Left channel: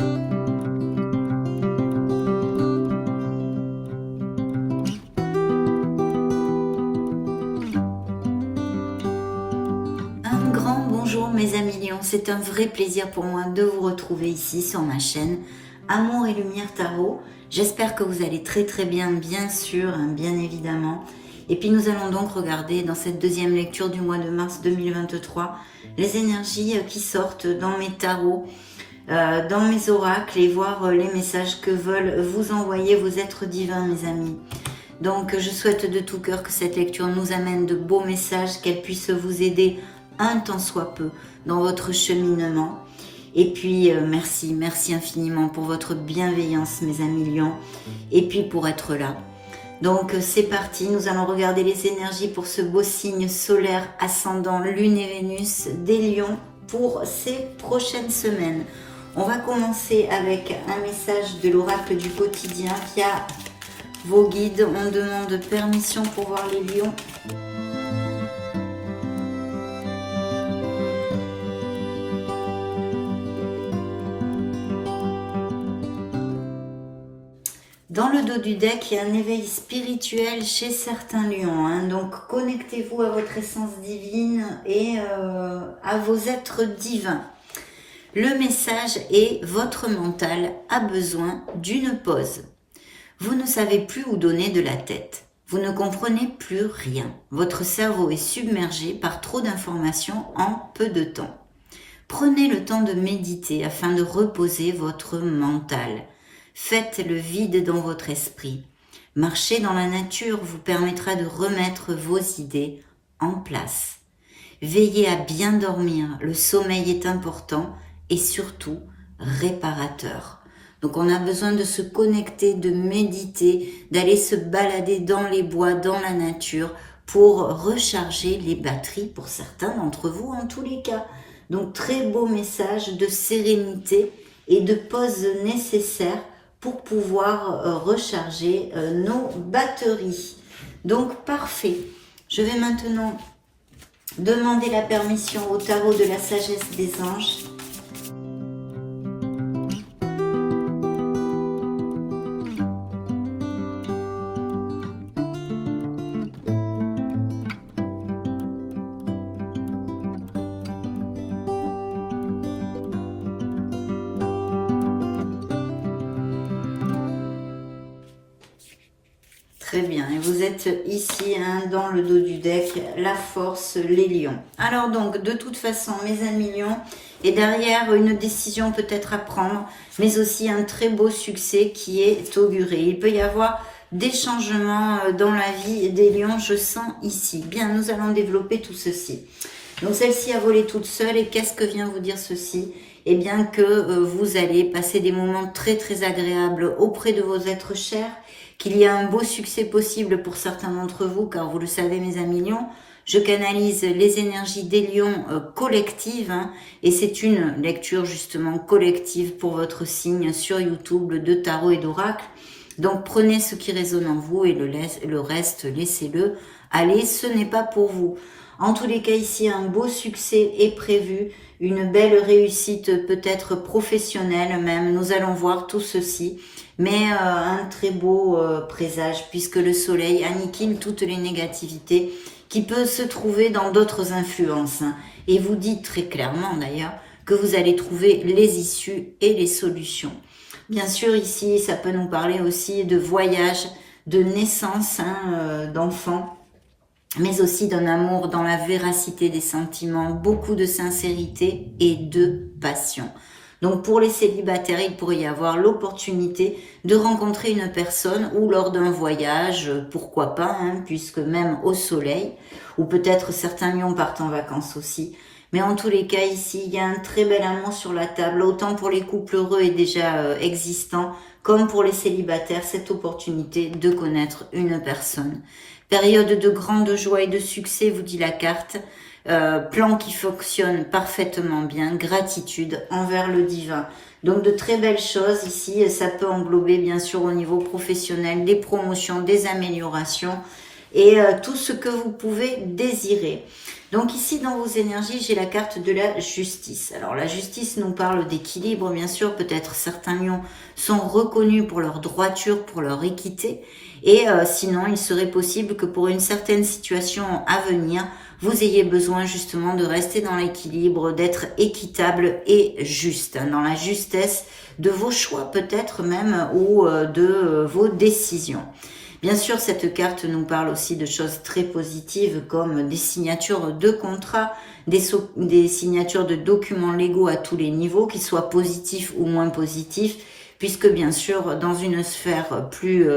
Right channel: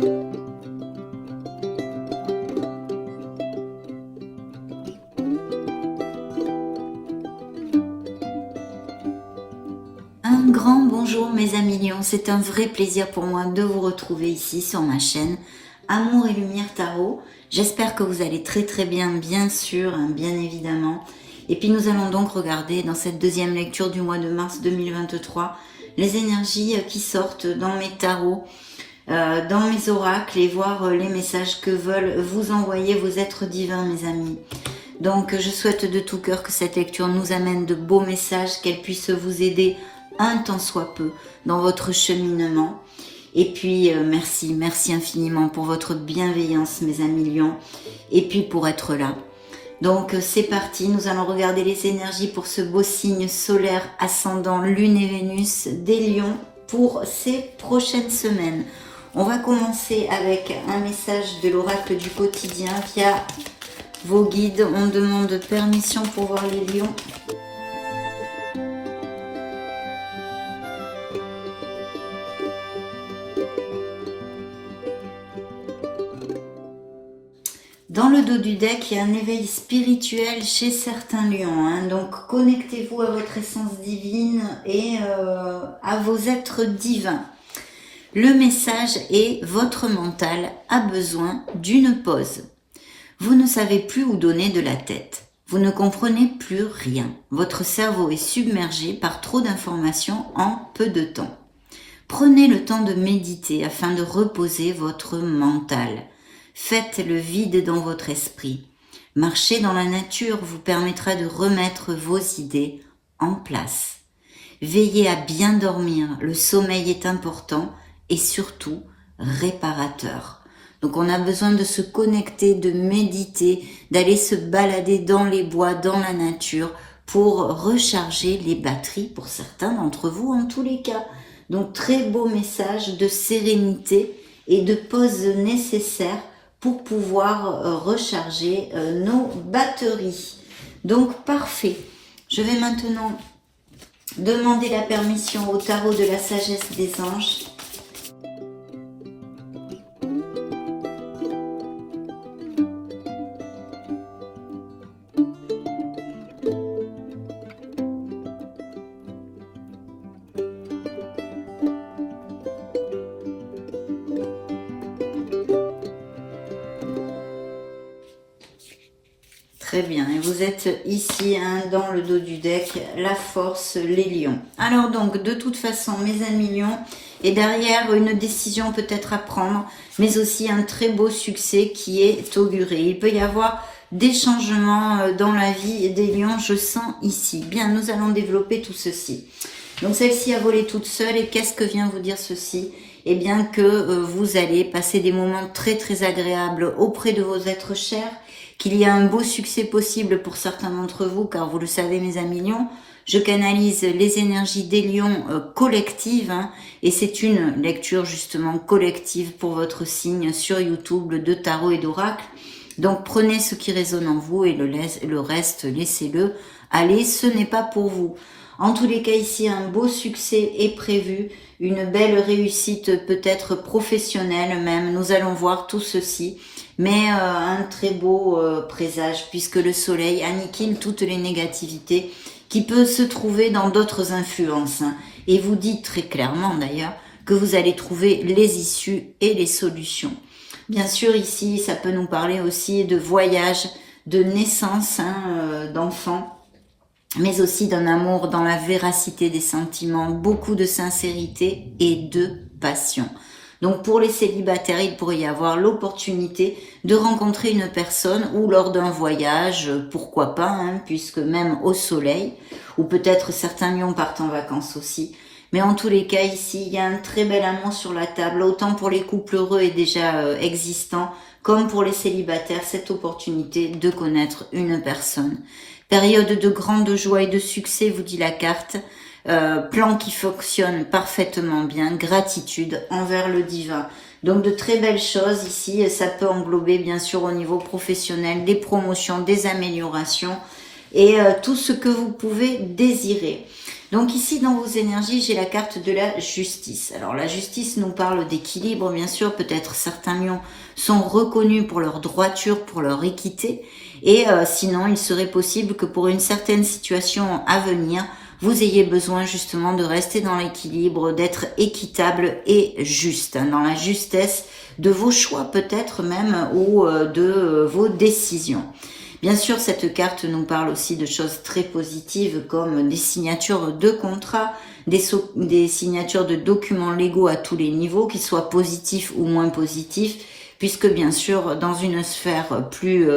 Un grand bonjour mes amis lions, c'est un vrai plaisir pour moi de vous retrouver ici sur ma chaîne Amour et Lumière Tarot. J'espère que vous allez très bien, bien sûr, bien évidemment. Et puis nous allons donc regarder dans cette deuxième lecture du mois de mars 2023 les énergies qui sortent dans mes tarots, dans mes oracles et voir les messages que veulent vous envoyer vos êtres divins mes amis. Donc je souhaite de tout cœur que cette lecture nous amène de beaux messages, qu'elle puisse vous aider un tant soit peu dans votre cheminement. Et puis merci infiniment pour votre bienveillance mes amis lions, et puis pour être là. Donc c'est parti, nous allons regarder les énergies pour ce beau signe solaire ascendant Lune et Vénus des lions pour ces prochaines semaines. On va commencer avec un message de l'oracle du quotidien via vos guides. On demande permission pour voir les lions. Dans le dos du deck, il y a un éveil spirituel chez certains lions. Donc, connectez-vous à votre essence divine et à vos êtres divins. Le message est: votre mental a besoin d'une pause. Vous ne savez plus où donner de la tête. Vous ne comprenez plus rien. Votre cerveau est submergé par trop d'informations en peu de temps. Prenez le temps de méditer afin de reposer votre mental. Faites le vide dans votre esprit. Marcher dans la nature vous permettra de remettre vos idées en place. Veillez à bien dormir, le sommeil est important et surtout réparateur. Donc on a besoin de se connecter, de méditer, d'aller se balader dans les bois, dans la nature pour recharger les batteries pour certains d'entre vous en tous les cas. Donc très beau message de sérénité et de pause nécessaire pour pouvoir recharger nos batteries. Donc parfait. Je vais maintenant demander la permission au tarot de la sagesse des anges. Très bien, et vous êtes ici dans le dos du deck, la force, les lions. Alors donc, de toute façon, mes amis lions, et derrière une décision peut-être à prendre, mais aussi un très beau succès qui est auguré. Il peut y avoir des changements dans la vie des lions, je sens ici. Bien, nous allons développer tout ceci. Donc celle-ci a volé toute seule, et qu'est-ce que vient vous dire ceci? Eh bien que vous allez passer des moments très agréables auprès de vos êtres chers, qu'il y a un beau succès possible pour certains d'entre vous, car vous le savez mes amis lions, je canalise les énergies des lions collectives, et c'est une lecture justement collective pour votre signe sur YouTube de tarot et d'oracle. Donc prenez ce qui résonne en vous et le reste, laissez-le aller, ce n'est pas pour vous. En tous les cas ici, un beau succès est prévu, une belle réussite peut-être professionnelle même, nous allons voir tout ceci. Mais un très beau présage puisque le soleil aniquile toutes les négativités qui peuvent se trouver dans d'autres influences. Et vous dit très clairement d'ailleurs que vous allez trouver les issues et les solutions. Bien sûr ici ça peut nous parler aussi de voyage, de naissance d'enfants, mais aussi d'un amour dans la véracité des sentiments, beaucoup de sincérité et de passion. Donc pour les célibataires, il pourrait y avoir l'opportunité de rencontrer une personne ou lors d'un voyage, pourquoi pas, puisque même au soleil, ou peut-être certains lions partent en vacances aussi. Mais en tous les cas ici, il y a un très bel amour sur la table, autant pour les couples heureux et déjà existants, comme pour les célibataires, cette opportunité de connaître une personne. Période de grande joie et de succès, vous dit la carte. Plan qui fonctionne parfaitement bien, gratitude envers le divin. Donc de très belles choses ici, ça peut englober bien sûr au niveau professionnel des promotions, des améliorations et tout ce que vous pouvez désirer. Donc ici, dans vos énergies, j'ai la carte de la justice. Alors la justice nous parle d'équilibre, bien sûr. Peut-être certains lions sont reconnus pour leur droiture, pour leur équité. Et sinon, il serait possible que pour une certaine situation à venir, vous ayez besoin justement de rester dans l'équilibre, d'être équitable et juste, hein, dans la justesse de vos choix peut-être même ou de vos décisions. Bien sûr, cette carte nous parle aussi de choses très positives comme des signatures de contrats, des signatures de documents légaux à tous les niveaux, qu'ils soient positifs ou moins positifs, puisque bien sûr, dans une sphère plus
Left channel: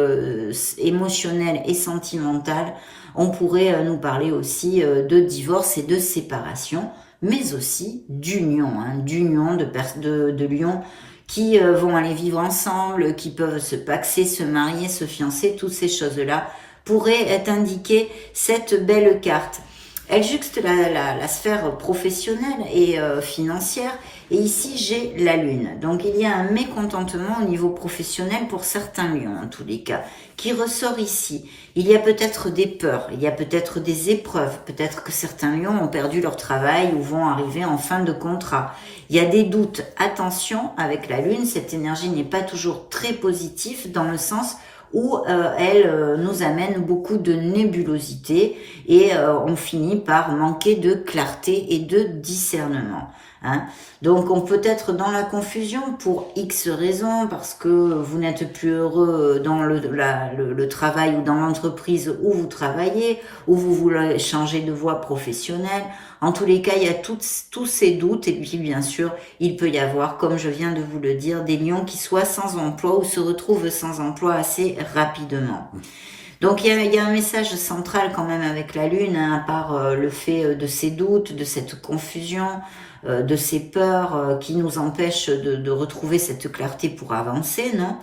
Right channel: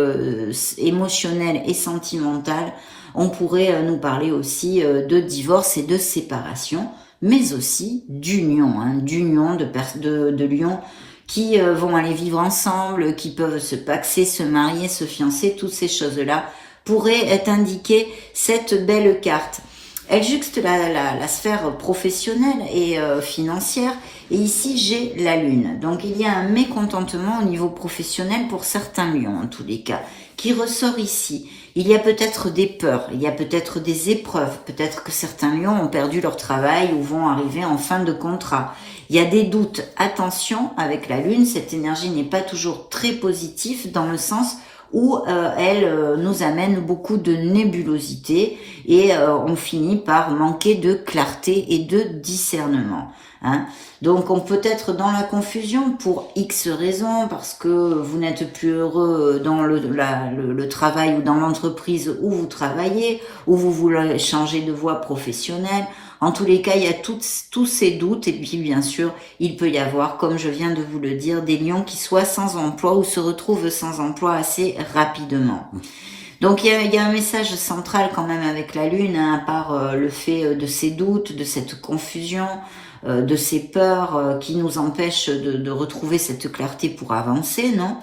émotionnelle et sentimentale, on pourrait nous parler aussi de divorce et de séparation, mais aussi d'union, hein, d'union de lions qui vont aller vivre ensemble, qui peuvent se paxer, se marier, se fiancer, toutes ces choses-là pourraient être indiquées cette belle carte. Elle juxte la sphère professionnelle et financière, et ici j'ai la lune. Donc il y a un mécontentement au niveau professionnel pour certains lions en tous les cas, qui ressort ici. Il y a peut-être des peurs, il y a peut-être des épreuves, peut-être que certains lions ont perdu leur travail ou vont arriver en fin de contrat. Il y a des doutes. Attention, avec la lune, cette énergie n'est pas toujours très positive dans le sens où elle nous amène beaucoup de nébulosité et on finit par manquer de clarté et de discernement. Hein. Donc on peut être dans la confusion pour X raisons, parce que vous n'êtes plus heureux dans le travail ou dans l'entreprise où vous travaillez, ou vous voulez changer de voie professionnelle. En tous les cas, il y a tous ces doutes, et puis bien sûr, il peut y avoir, comme je viens de vous le dire, des lions qui soient sans emploi ou se retrouvent sans emploi assez rapidement. Donc il y a un message central quand même avec la lune, hein, à part le fait de ces doutes, de cette confusion, de ces peurs qui nous empêchent de retrouver cette clarté pour avancer, non?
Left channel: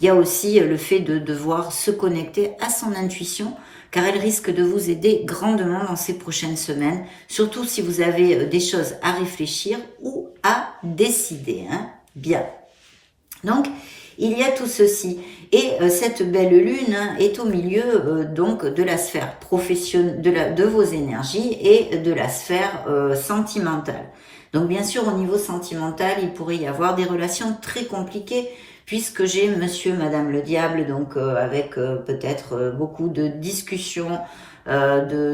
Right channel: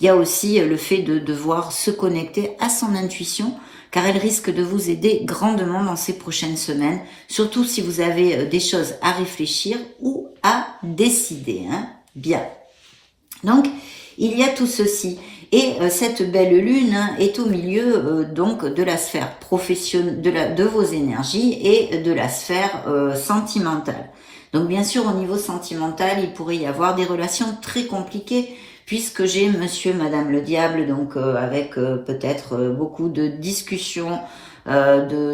Il y a aussi le fait de devoir se connecter à son intuition, car elle risque de vous aider grandement dans ces prochaines semaines, surtout si vous avez des choses à réfléchir ou à décider. Hein? Bien. Donc, il y a tout ceci. Et cette belle lune hein, est au milieu donc de la sphère professionnelle, de vos énergies et de la sphère sentimentale. Donc, bien sûr, au niveau sentimental, il pourrait y avoir des relations très compliquées, puisque j'ai monsieur, madame le diable, donc avec peut-être beaucoup de discussions, de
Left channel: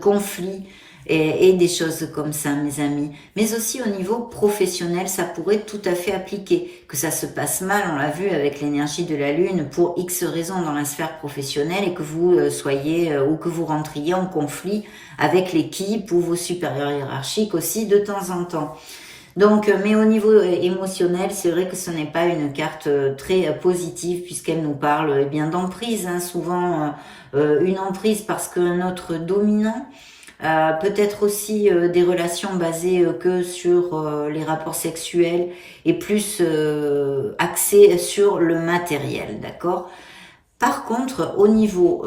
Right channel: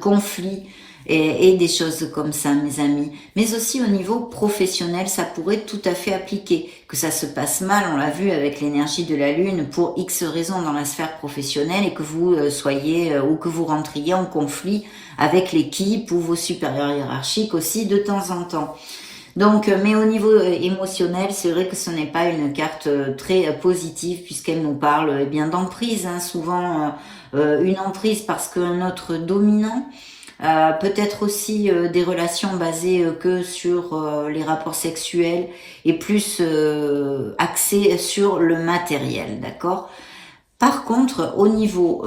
conflits et des choses comme ça, mes amis. Mais aussi au niveau professionnel, ça pourrait tout à fait appliquer. Que ça se passe mal, on l'a vu avec l'énergie de la lune, pour X raisons dans la sphère professionnelle, et que vous soyez ou que vous rentriez en conflit avec l'équipe ou vos supérieurs hiérarchiques aussi de temps en temps. Donc, mais au niveau émotionnel, c'est vrai que ce n'est pas une carte très positive, puisqu'elle nous parle eh bien d'emprise, hein, souvent une emprise parce qu'un autre dominant, peut-être aussi des relations basées que sur les rapports sexuels et plus axées sur le matériel, d'accord ? Par contre, au niveau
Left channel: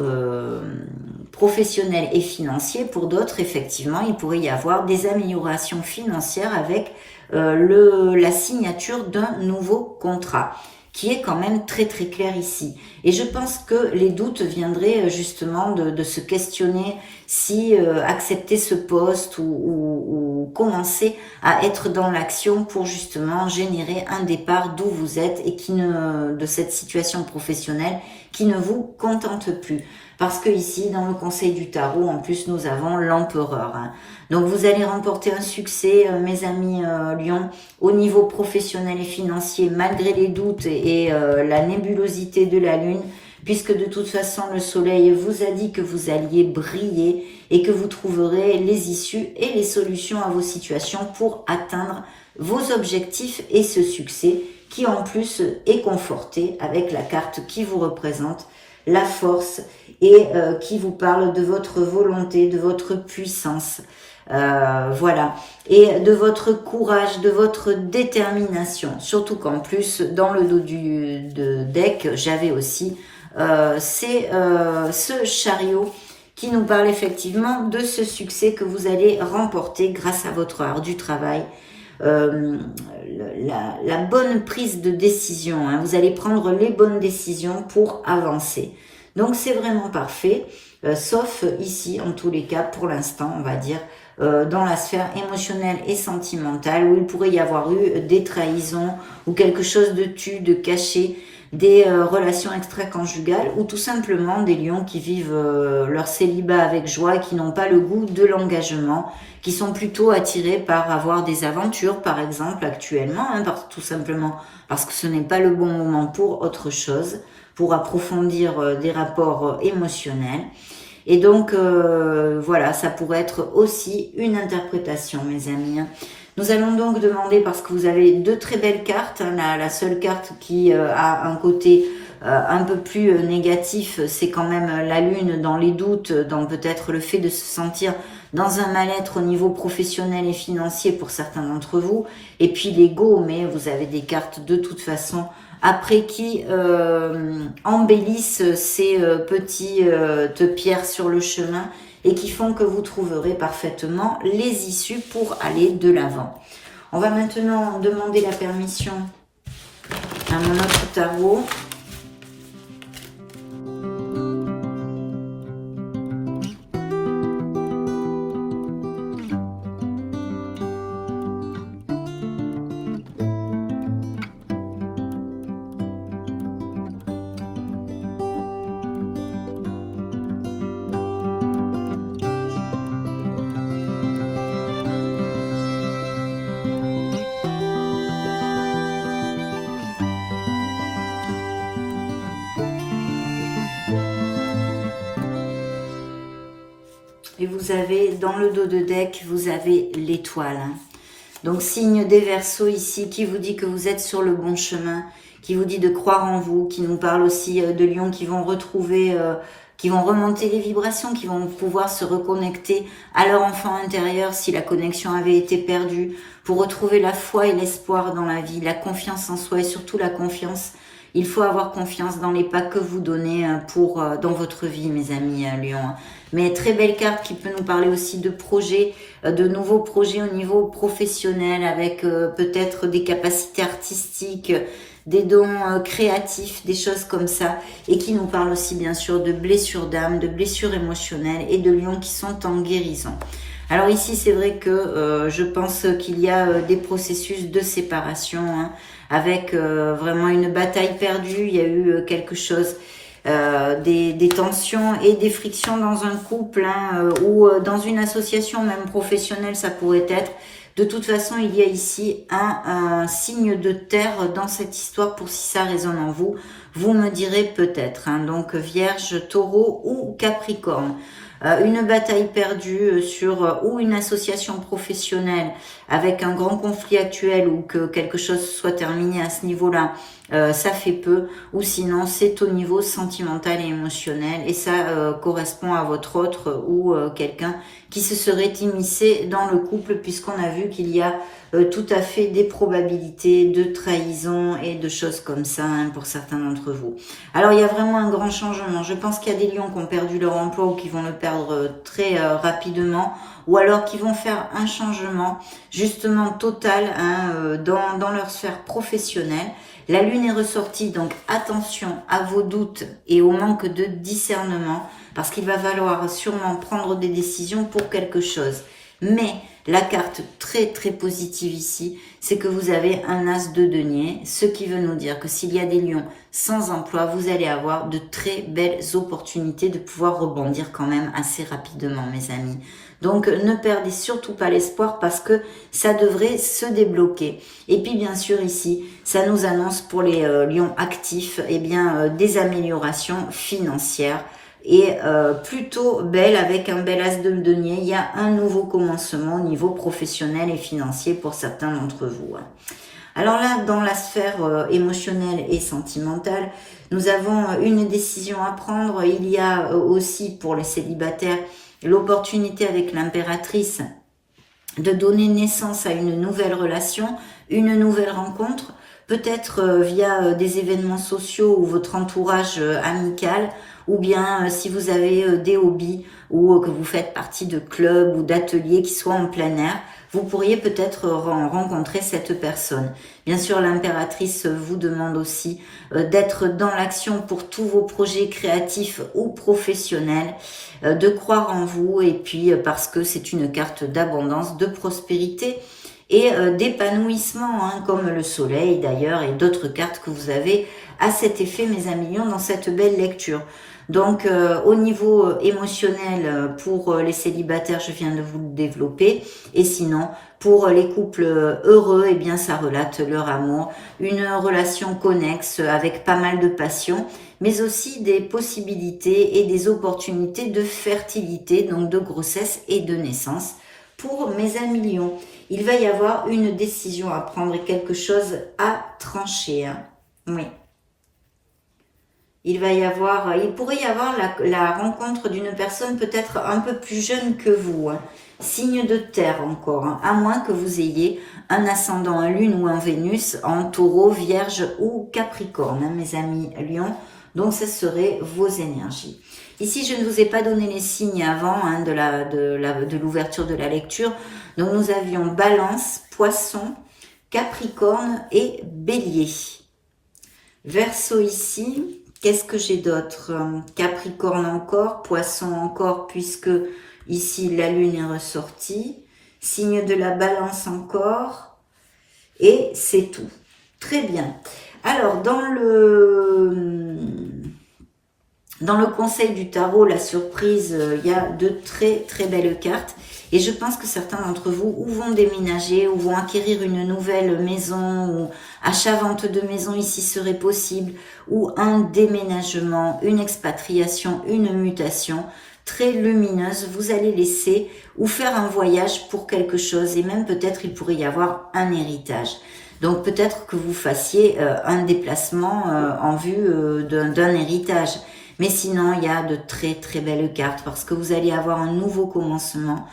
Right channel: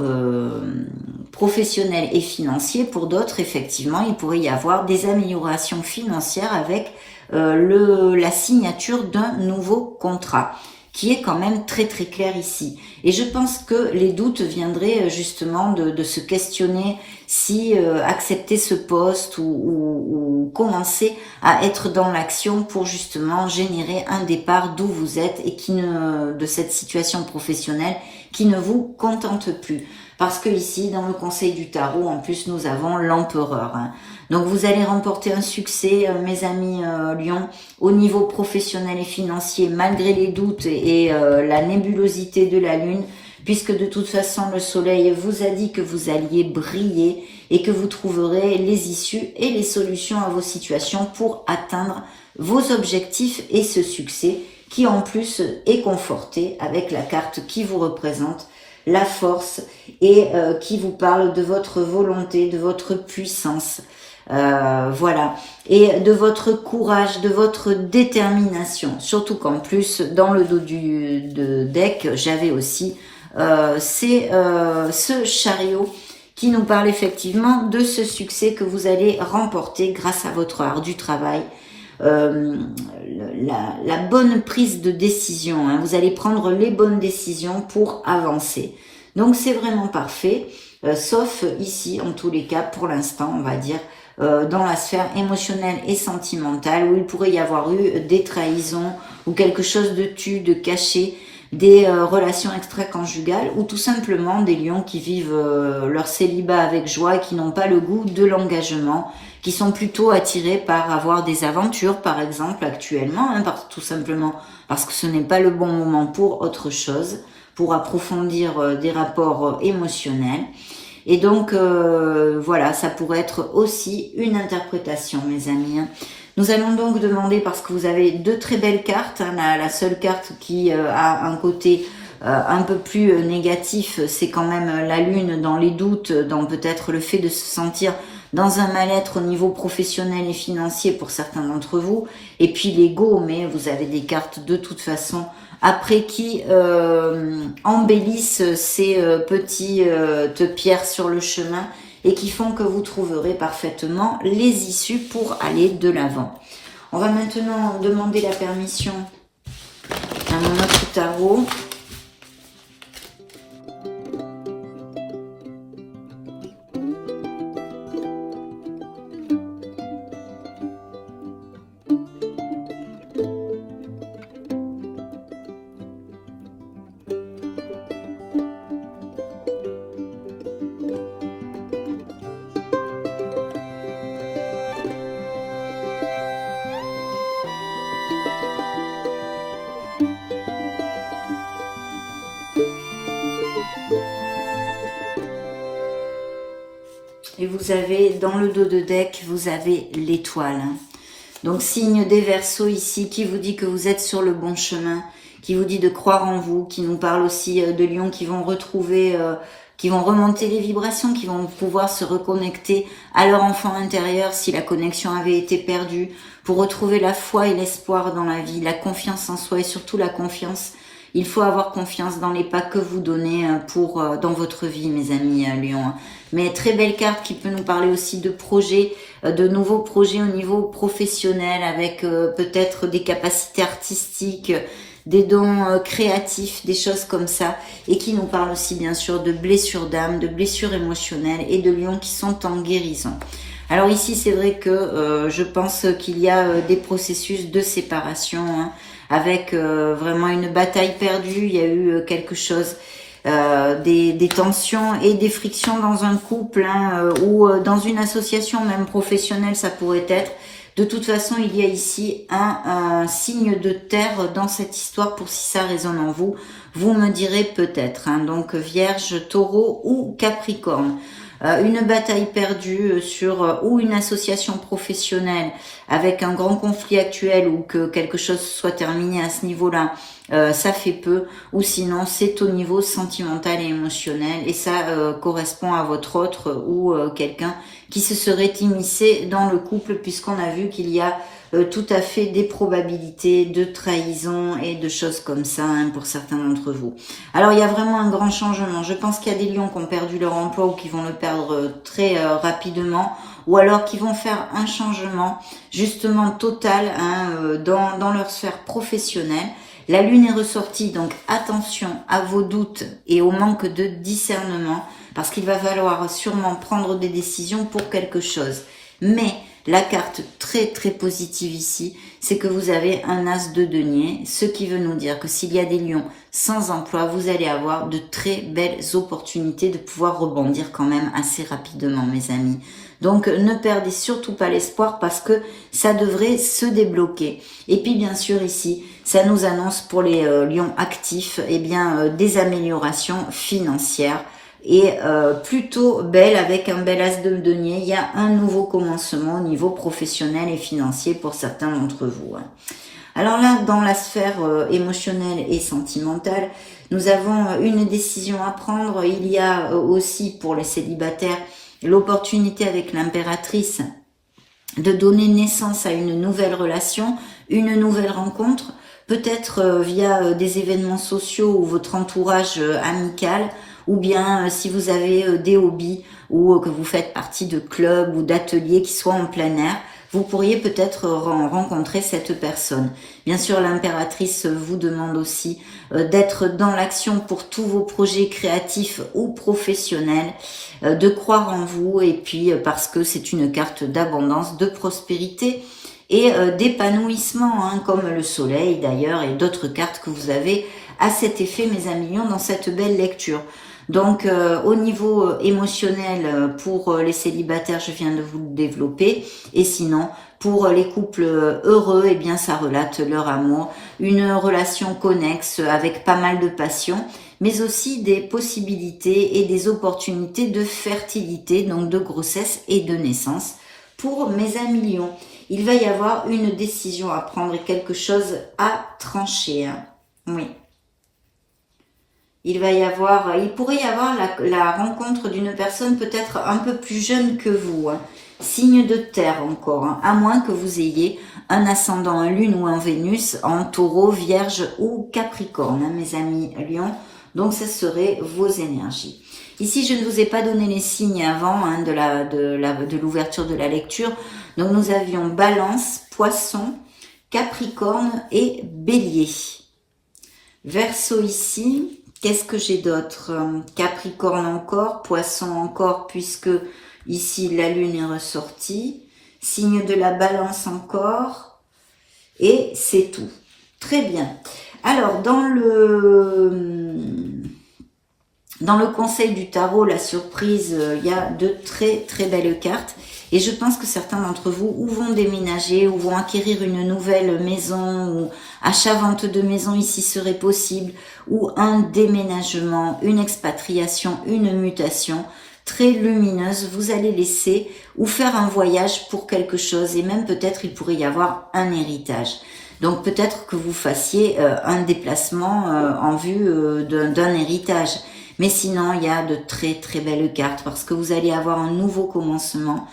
professionnel et financier, pour d'autres, effectivement, il pourrait y avoir des améliorations financières avec la signature d'un nouveau contrat, qui est quand même très très clair ici. Et je pense que les doutes viendraient justement de se questionner si accepter ce poste ou commencer à être dans l'action pour justement générer un départ d'où vous êtes et de cette situation professionnelle qui ne vous contente plus. Parce que ici, dans le conseil du tarot, en plus, nous avons l'empereur. Hein. Donc, vous allez remporter un succès, mes amis Lions, au niveau professionnel et financier, malgré les doutes et la nébulosité de la lune, puisque de toute façon, le soleil vous a dit que vous alliez briller et que vous trouverez les issues et les solutions à vos situations pour atteindre vos objectifs et ce succès qui, en plus, est conforté avec la carte qui vous représente, la force, et qui vous parle de votre volonté, de votre puissance, voilà, et de votre courage, de votre détermination. Surtout qu'en plus, dans le dos du deck, j'avais aussi ce chariot qui nous parle effectivement de ce succès que vous allez remporter grâce à votre art du travail. La bonne prise de décision, hein. Vous allez prendre les bonnes décisions pour avancer. Donc c'est vraiment parfait. sauf ici, en tous les cas, pour l'instant, on va dire, dans la sphère émotionnelle et sentimentale, où il pourrait y avoir eu des trahisons ou quelque chose de tu, de caché, des relations extra-conjugales, ou tout simplement des lions qui vivent leur célibat avec joie et qui n'ont pas le goût de l'engagement, qui sont plutôt attirés par avoir des aventures, par exemple, actuellement, hein, tout simplement parce que ce n'est pas le bon moment pour autre chose, pour approfondir des rapports émotionnels. Et donc, voilà, ça pourrait être aussi une interprétation, mes amis. Nous allons donc demander, parce que vous avez deux très belles cartes, hein, la seule carte qui a un côté un peu plus négatif, c'est quand même la lune dans les doutes, dans peut-être le fait de se sentir dans un mal-être au niveau professionnel et financier pour certains d'entre vous, et puis l'ego, mais vous avez des cartes de toute façon après qui embellissent ces petites pierres sur le chemin et qui font que vous trouverez parfaitement les issues pour aller de l'avant. On va maintenant demander la permission à mon autre tarot. Et vous avez, dans le dos de deck, vous avez l'étoile. Donc, signe des Verseaux ici, qui vous dit que vous êtes sur le bon chemin, qui vous dit de croire en vous, qui nous parle aussi de lions qui vont retrouver, qui vont remonter les vibrations, qui vont pouvoir se reconnecter à leur enfant intérieur si la connexion avait été perdue, pour retrouver la foi et l'espoir dans la vie, la confiance en soi et surtout la confiance. Il faut avoir confiance dans les pas que vous donnez dans votre vie, mes amis Lions. Mais très belle carte qui peut nous parler aussi de projets, de nouveaux projets au niveau professionnel avec peut-être des capacités artistiques, des dons créatifs, des choses comme ça. Et qui nous parle aussi bien sûr de blessures d'âme, de blessures émotionnelles et de lions qui sont en guérison. Alors ici, c'est vrai que je pense qu'il y a des processus de séparation, hein, avec vraiment une bataille perdue. Il y a eu quelque chose, des tensions et des frictions dans un couple, hein, ou dans une association même professionnelle, ça pourrait être. De toute façon, il y a ici un signe de terre dans cette histoire, pour si ça résonne en vous. Vous me direz peut-être, hein, donc Vierge, Taureau ou Capricorne. Une bataille perdue sur ou une association professionnelle avec un grand conflit actuel, ou que quelque chose soit terminé à ce niveau-là, ça fait peu, ou sinon c'est au niveau sentimental et émotionnel, et ça correspond à votre autre ou quelqu'un qui se serait immiscé dans le couple, puisqu'on a vu qu'il y a tout à fait des probabilités de trahison et de choses comme ça, hein, pour certains d'entre vous. Alors il y a vraiment un grand changement. Je pense qu'il y a des lions qui ont perdu leur emploi ou qui vont le perdre très rapidement, ou alors qui vont faire un changement justement total, hein, dans leur sphère professionnelle. La lune est ressortie, donc attention à vos doutes et au manque de discernement, parce qu'il va falloir sûrement prendre des décisions pour quelque chose. Mais la carte très très positive ici, c'est que vous avez un as de denier, ce qui veut nous dire que s'il y a des lions sans emploi, vous allez avoir de très belles opportunités de pouvoir rebondir quand même assez rapidement, mes amis. Donc ne perdez surtout pas l'espoir, parce que ça devrait se débloquer. Et puis bien sûr ici, ça nous annonce pour les lions actifs, eh bien, des améliorations financières. Et plutôt belle, avec un bel as de denier. Il y a un nouveau commencement au niveau professionnel et financier pour certains d'entre vous. Alors là, dans la sphère émotionnelle et sentimentale, nous avons une décision à prendre. Il y a aussi pour les célibataires l'opportunité avec l'impératrice de donner naissance à une nouvelle relation, une nouvelle rencontre, peut-être via des événements sociaux ou votre entourage amical, ou bien si vous avez des hobbies ou que vous faites partie de clubs ou d'ateliers qui soient en plein air, vous pourriez peut-être rencontrer cette personne. Bien sûr, l'impératrice vous demande aussi d'être dans l'action pour tous vos projets créatifs ou professionnels, de croire en vous, et puis parce que c'est une carte d'abondance, de prospérité et d'épanouissement, hein, comme le soleil d'ailleurs, et d'autres cartes que vous avez à cet effet, mes amis lions, dans cette belle lecture. Donc, au niveau émotionnel, pour les célibataires, je viens de vous le développer. Et sinon, pour les couples heureux, eh bien, ça relate leur amour, une relation connexe avec pas mal de passion, mais aussi des possibilités et des opportunités de fertilité, donc de grossesse et de naissance. Pour mes amis lions, il va y avoir une décision à prendre et quelque chose à trancher. Hein. Oui. Il pourrait y avoir la rencontre d'une personne peut-être un peu plus jeune que vous, hein. Signe de terre encore, hein. À moins que vous ayez un ascendant en lune ou en Vénus, en taureau, vierge ou capricorne, hein, mes amis lions. Donc, ce seraient vos énergies. Ici, je ne vous ai pas donné les signes avant, hein, de l'ouverture de la lecture. Donc, nous avions Balance, Poisson, Capricorne et Bélier. Verseau ici. Qu'est-ce que j'ai d'autre? Capricorne encore, Poisson encore, puisque ici la Lune est ressortie. Signe de la Balance encore. Et c'est tout. Très bien. Alors, dans le conseil du tarot, la surprise, il y a de très très belles cartes. Et je pense que certains d'entre vous ou vont déménager ou vont acquérir une nouvelle maison, ou achat-vente de maison ici serait possible, ou un déménagement, une expatriation, une mutation très lumineuse. Vous allez laisser ou faire un voyage pour quelque chose, et même peut-être il pourrait y avoir un héritage. Donc peut-être que vous fassiez un déplacement en vue d'un héritage. Mais sinon, il y a de très très belles cartes parce que vous allez avoir un nouveau commencement,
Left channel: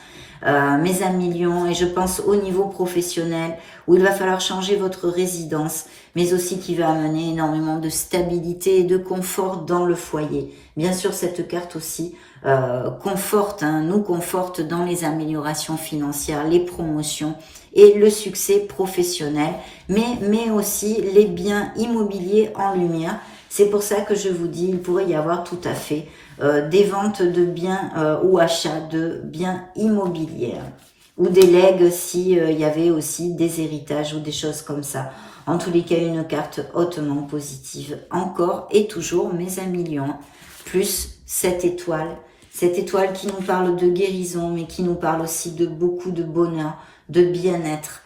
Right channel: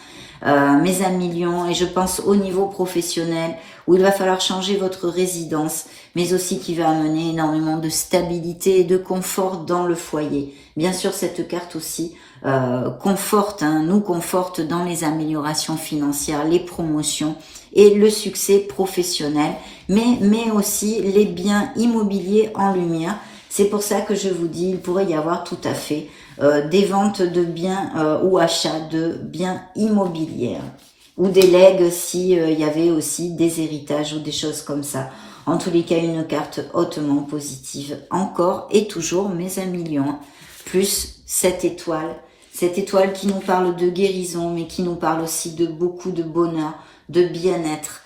mes amis lions, et je pense au niveau professionnel où il va falloir changer votre résidence, mais aussi qui va amener énormément de stabilité et de confort dans le foyer. Bien sûr, cette carte aussi conforte, hein, nous conforte dans les améliorations financières, les promotions et le succès professionnel, mais aussi les biens immobiliers en lumière. C'est pour ça que je vous dis, il pourrait y avoir tout à fait des ventes de biens ou achats de biens immobiliers, ou des legs si il y avait aussi des héritages ou des choses comme ça. En tous les cas, une carte hautement positive encore et toujours, mes amis lions, plus cette étoile qui nous parle de guérison, mais qui nous parle aussi de beaucoup de bonheur, de bien-être,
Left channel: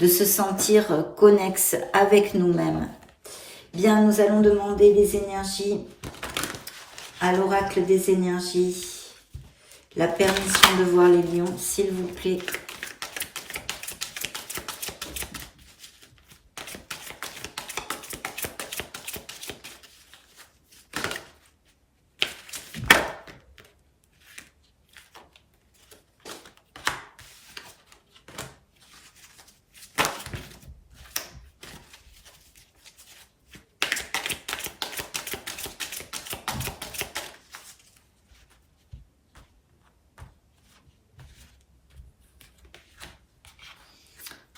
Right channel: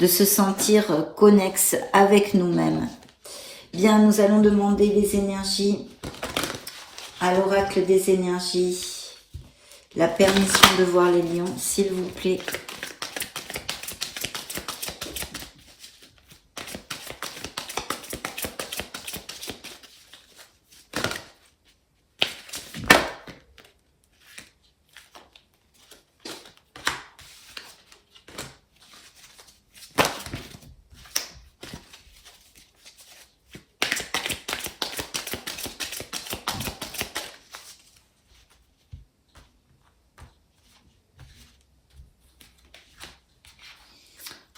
de se sentir connexe avec nous-mêmes. Bien, nous allons demander les énergies à l'oracle des énergies. La permission de voir les lions, s'il vous plaît.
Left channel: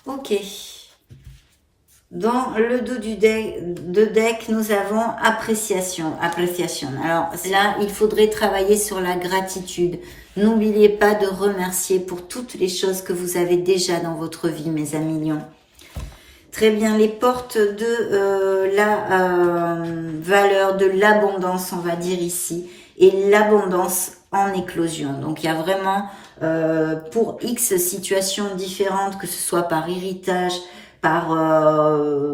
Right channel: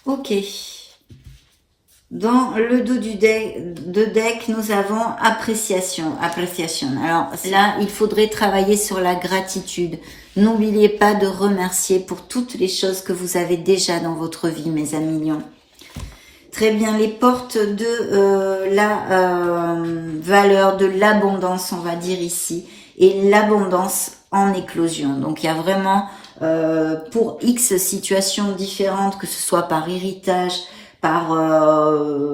Ok. Dans le dos du deck, nous avons appréciation. Alors là, il faudrait travailler sur la gratitude. N'oubliez pas de remercier pour toutes les choses que vous avez déjà dans votre vie, mes amis lions. Très bien, les portes de la valeur, de l'abondance, on va dire ici, et l'abondance en éclosion. Donc, il y a vraiment, pour X situations différentes, que ce soit par héritage, par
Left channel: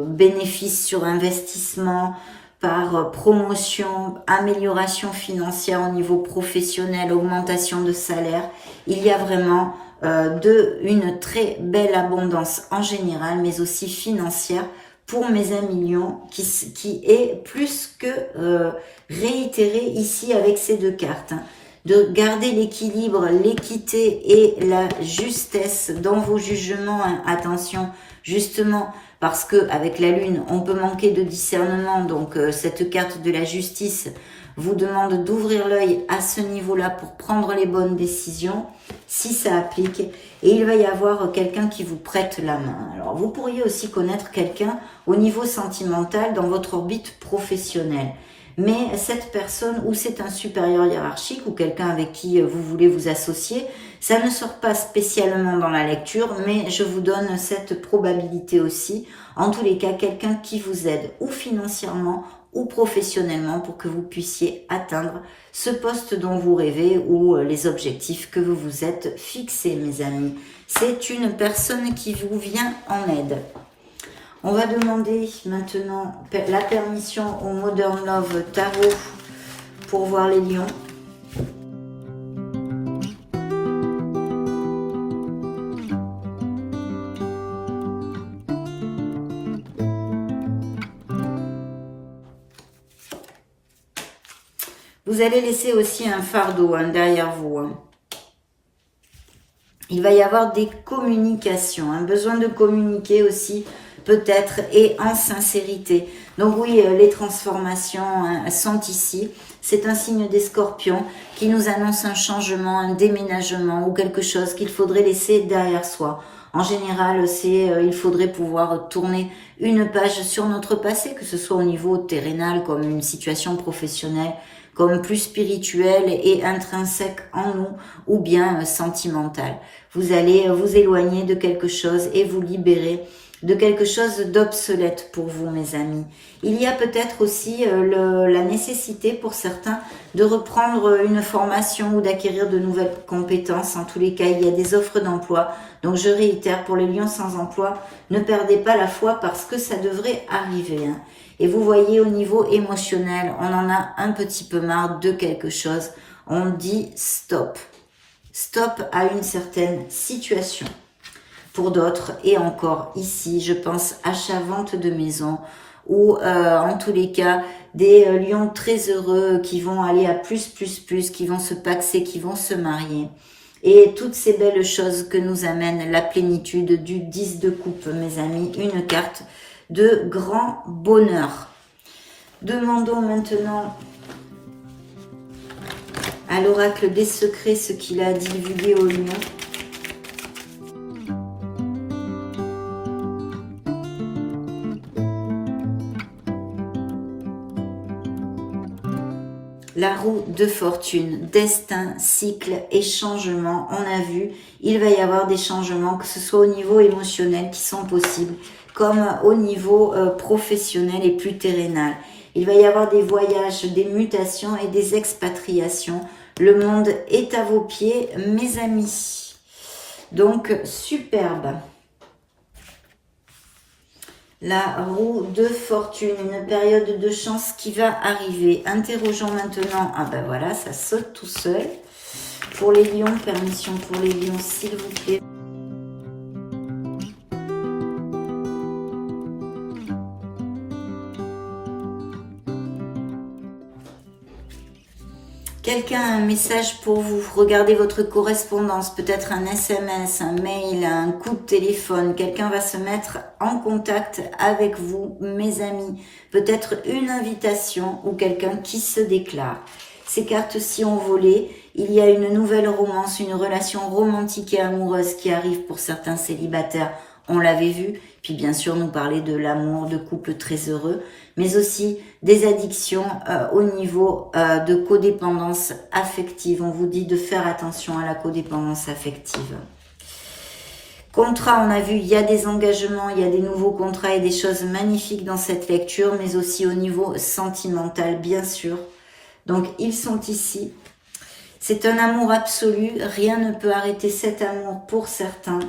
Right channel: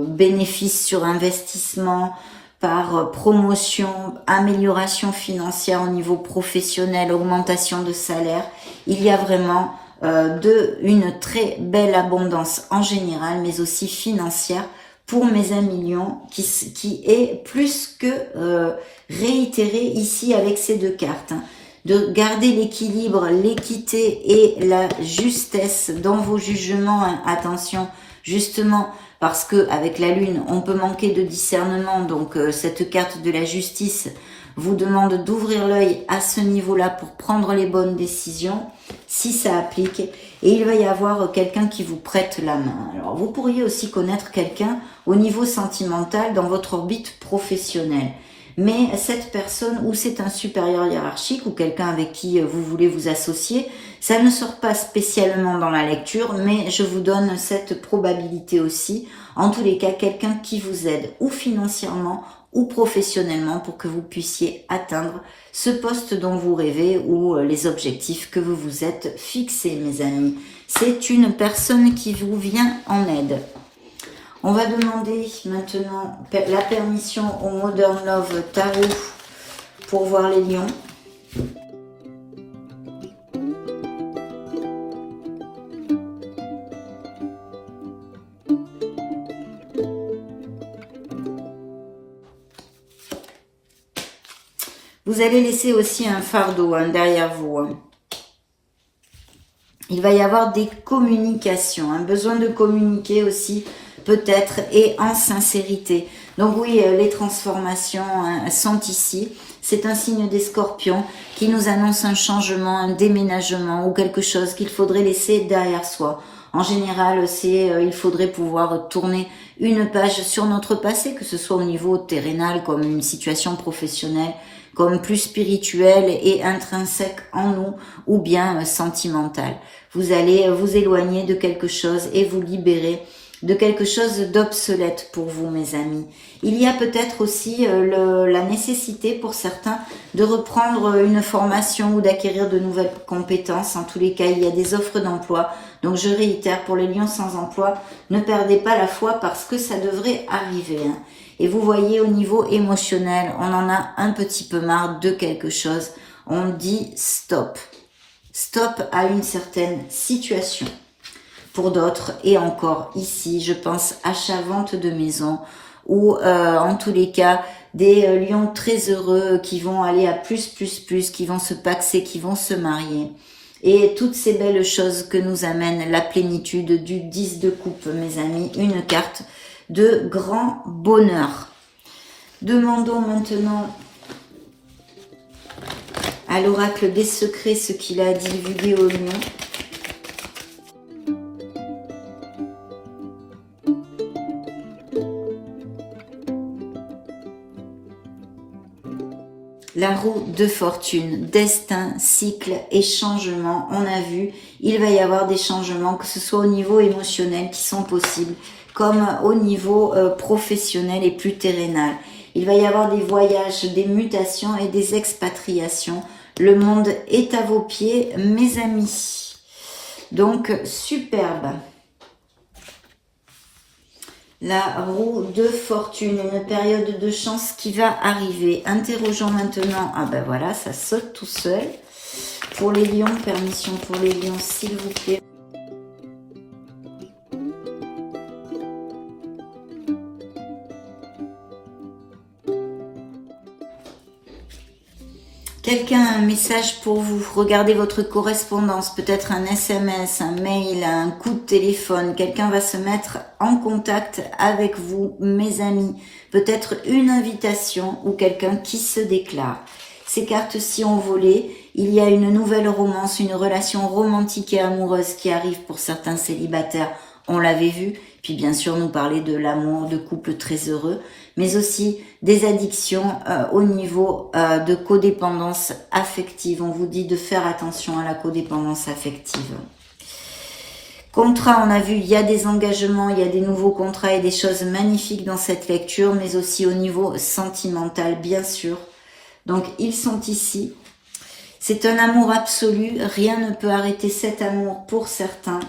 bénéfice sur investissement, par promotion, amélioration financière au niveau professionnel, augmentation de salaire, il y a vraiment une très belle abondance en général, mais aussi financière pour mes amis lions, qui est plus que réitéré ici avec ces deux cartes. Hein. De garder l'équilibre, l'équité et la justesse dans vos jugements. Hein. Attention, justement, parce que avec la lune, on peut manquer de discernement. Donc, cette carte de la justice vous demande d'ouvrir l'œil à ce niveau-là pour prendre les bonnes décisions, si ça applique. Et il va y avoir quelqu'un qui vous prête la main. Alors, vous pourriez aussi connaître quelqu'un au niveau sentimental dans votre orbite professionnelle. Mais cette personne, ou c'est un supérieur hiérarchique, ou quelqu'un avec qui vous voulez vous associer, ça ne sort pas spécialement dans la lecture, mais je vous donne cette probabilité aussi. En tous les cas, quelqu'un qui vous aide, ou financièrement, ou professionnellement, pour que vous puissiez atteindre ce poste dont vous rêvez, ou les objectifs que vous vous êtes fixés, mes amis. C'est une personne qui vous vient en aide. On va demander maintenant la permission au Modern Love Tarot pour voir les lions. Vous allez laisser aussi un fardeau derrière vous. Il va y avoir des communications, un besoin de communiquer aussi peut-être et en sincérité. Donc oui, les transformations sont ici. C'est un signe des scorpions qui nous annonce un changement, un déménagement ou quelque chose qu'il faudrait laisser derrière soi. En général, il faudrait pouvoir tourner une page sur notre passé, que ce soit au niveau terrénal comme une situation professionnelle, comme plus spirituelle et intrinsèque en nous, ou bien sentimentale. Vous allez vous éloigner de quelque chose et vous libérer de quelque chose d'obsolète pour vous, mes amis. Il y a peut-être aussi la nécessité pour certains de reprendre une formation ou d'acquérir de nouvelles compétences. En tous les cas, il y a des offres d'emploi. Donc je réitère, pour les lions sans emploi, ne perdez pas la foi parce que ça devrait arriver. Et vous voyez, au niveau émotionnel, on en a un petit peu marre de quelque chose. On dit stop. Stop à une certaine situation. Pour d'autres, et encore ici, je pense achat-vente de maison, ou en tous les cas, des lions très heureux qui vont aller à plus, qui vont se paxer, qui vont se marier. Et toutes ces belles choses que nous amène la plénitude du 10 de coupe, mes amis, une carte de grand bonheur. Demandons maintenant à l'oracle des secrets ce qu'il a divulgué aux lions. La roue de fortune, destin, cycle et changement. On a vu, il va y avoir des changements, que ce soit au niveau émotionnel qui sont possibles, comme au niveau professionnel et plus terrénal. Il va y avoir des voyages, des mutations et des expatriations. Le monde est à vos pieds, mes amis. Donc, superbe. La roue de fortune, une période de chance qui va arriver. Interrogeons maintenant, ah ben voilà, ça saute tout seul. Pour les lions, permission pour les lions, s'il vous plaît. Quelqu'un a un message pour vous. Regardez votre correspondance, peut-être un SMS, un mail, un coup de téléphone. Quelqu'un va se mettre en contact avec vous, mes amis. Peut-être une invitation ou quelqu'un qui se déclare. Ces cartes-ci ont volé. Il y a une nouvelle romance, une relation romantique et amoureuse qui arrive pour certains célibataires. On l'avait vu. Puis bien sûr, nous parler de l'amour, de couples très heureux, mais aussi des addictions au niveau de codépendance affective. On vous dit de faire attention à la codépendance affective. Contrat, on a vu, il y a des engagements, il y a des nouveaux contrats et des choses magnifiques dans cette lecture, mais aussi au niveau sentimental, bien sûr. Donc, ils sont ici. C'est un amour absolu, rien ne peut arrêter cet amour pour certains.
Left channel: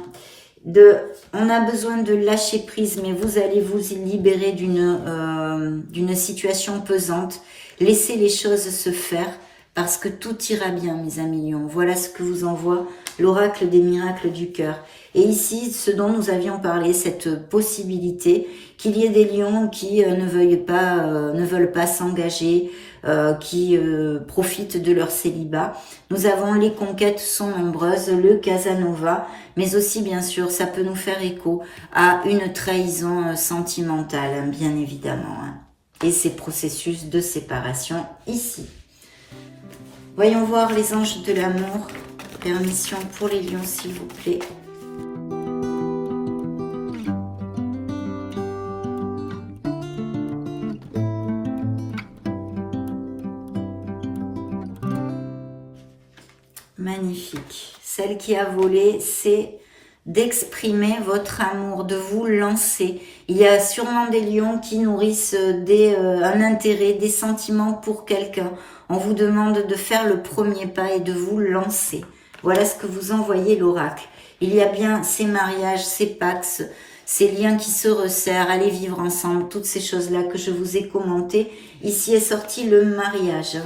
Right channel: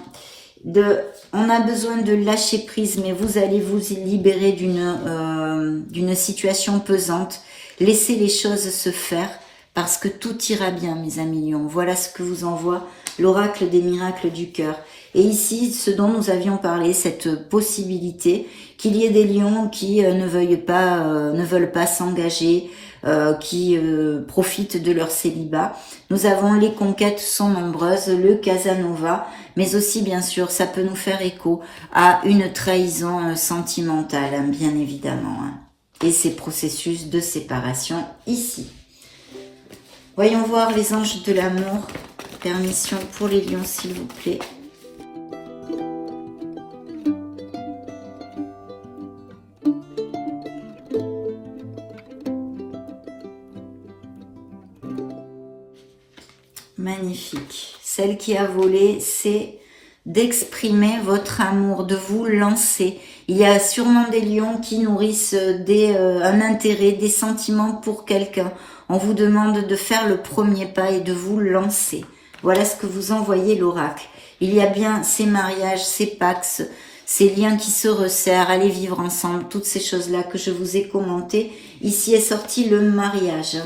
On a besoin de lâcher prise, mais vous allez vous libérer d'une situation pesante. Laissez les choses se faire parce que tout ira bien, mes amis lions. Voilà ce que vous envoie l'oracle des miracles du cœur. Et ici, ce dont nous avions parlé, cette possibilité qu'il y ait des lions qui ne veulent pas s'engager, qui profitent de leur célibat. Nous avons les conquêtes sont nombreuses, le Casanova, mais aussi bien sûr ça peut nous faire écho à une trahison sentimentale, bien évidemment. et ces processus de séparation ici. Voyons voir les anges de l'amour. Permission pour les lions, s'il vous plaît. Magnifique. Celle qui a volé, c'est d'exprimer votre amour, de vous lancer. Il y a sûrement des lions qui nourrissent un intérêt, des sentiments pour quelqu'un. On vous demande de faire le premier pas et de vous lancer. Voilà ce que vous envoyez l'oracle. Il y a bien ces mariages, ces pax, ces liens qui se resserrent, aller vivre ensemble, toutes ces choses-là que je vous ai commentées. Ici est sorti le mariage.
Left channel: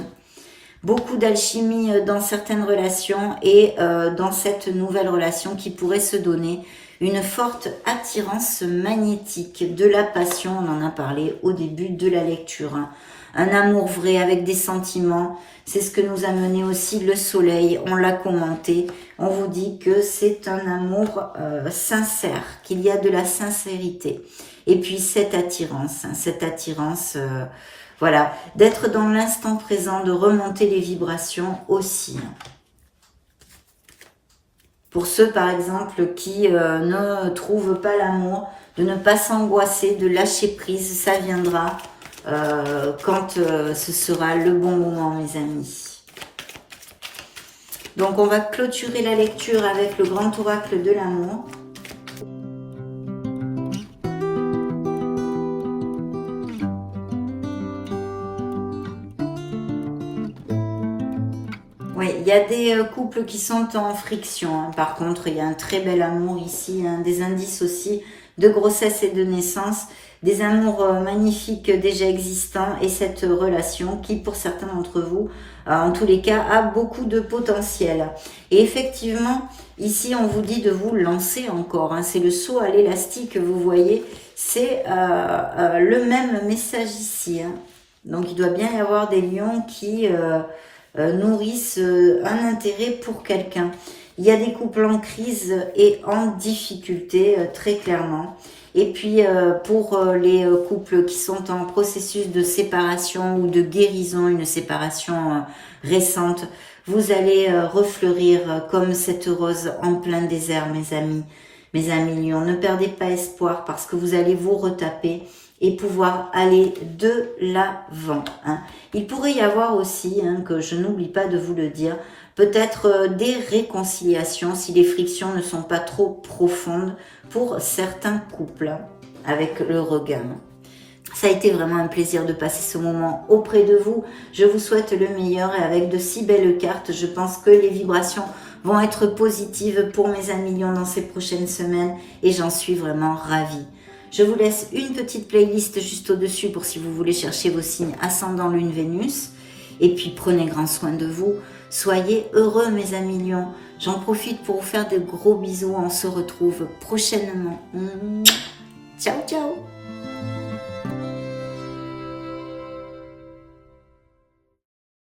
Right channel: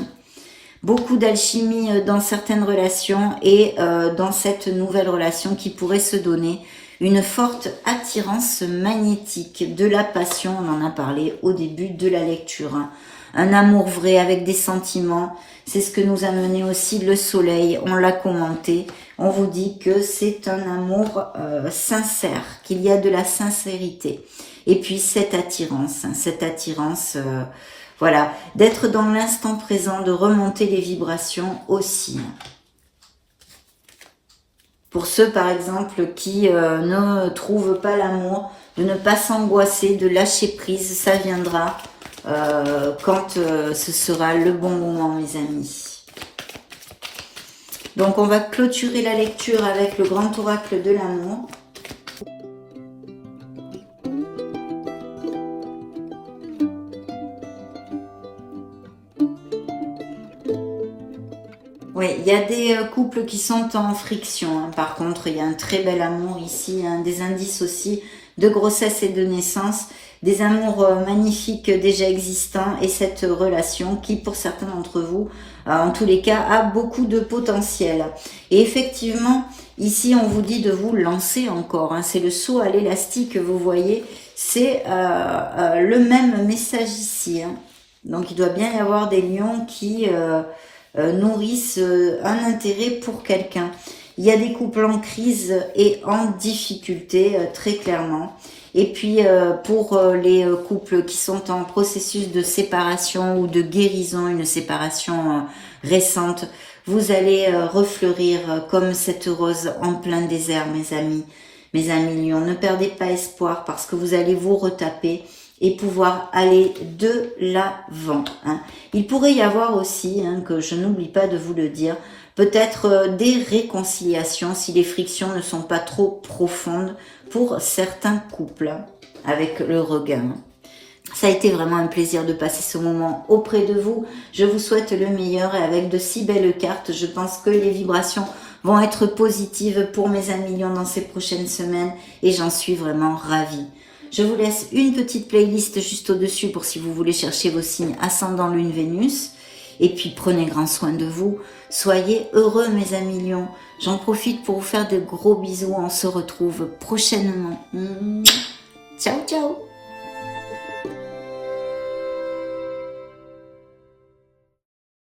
Beaucoup d'alchimie dans certaines relations et dans cette nouvelle relation qui pourrait se donner une forte attirance magnétique, de la passion, on en a parlé au début de la lecture. Un amour vrai avec des sentiments, c'est ce que nous a mené aussi le soleil, on l'a commenté. On vous dit que c'est un amour sincère, qu'il y a de la sincérité. Et puis cette attirance, voilà, d'être dans l'instant présent, de remonter les vibrations aussi. Pour ceux, par exemple, qui ne trouvent pas l'amour, de ne pas s'angoisser, de lâcher prise, ça viendra quand ce sera le bon moment, mes amis. Donc, on va clôturer la lecture avec le grand oracle de l'amour. Oui, il y a des couples qui sont en friction. Hein. Par contre, il y a un très bel amour ici, hein, des indices aussi de grossesse et de naissance, des amours magnifiques déjà existants et cette relation qui, pour certains d'entre vous, en tous les cas, a beaucoup de potentiel. Et effectivement, ici, on vous dit de vous lancer encore. Hein. C'est le saut à l'élastique, vous voyez. C'est le même message ici. Hein. Donc, il doit bien y avoir des lions qui... nourrissent un intérêt pour quelqu'un. Il y a des couples en crise et en difficulté, très clairement. Et puis, pour les couples qui sont en processus de séparation ou de guérison, une séparation récente, vous allez refleurir comme cette rose en plein désert, mes amis lions. Ne perdez pas espoir parce que vous allez vous retaper et pouvoir aller de l'avant. Hein. Il pourrait y avoir aussi, hein, que je n'oublie pas de vous le dire, peut-être des réconciliations si les frictions ne sont pas trop profondes pour certains couples avec le regain. Ça a été vraiment un plaisir de passer ce moment auprès de vous. Je vous souhaite le meilleur et avec de si belles cartes, je pense que les vibrations vont être positives pour mes amis lions dans ces prochaines semaines et j'en suis vraiment ravie. Je vous laisse une petite playlist juste au-dessus pour si vous voulez chercher vos signes ascendant Lune Vénus. Et puis prenez grand soin de vous. Soyez heureux mes amis lions. J'en profite pour vous faire de gros bisous. On se retrouve prochainement. Ciao ciao.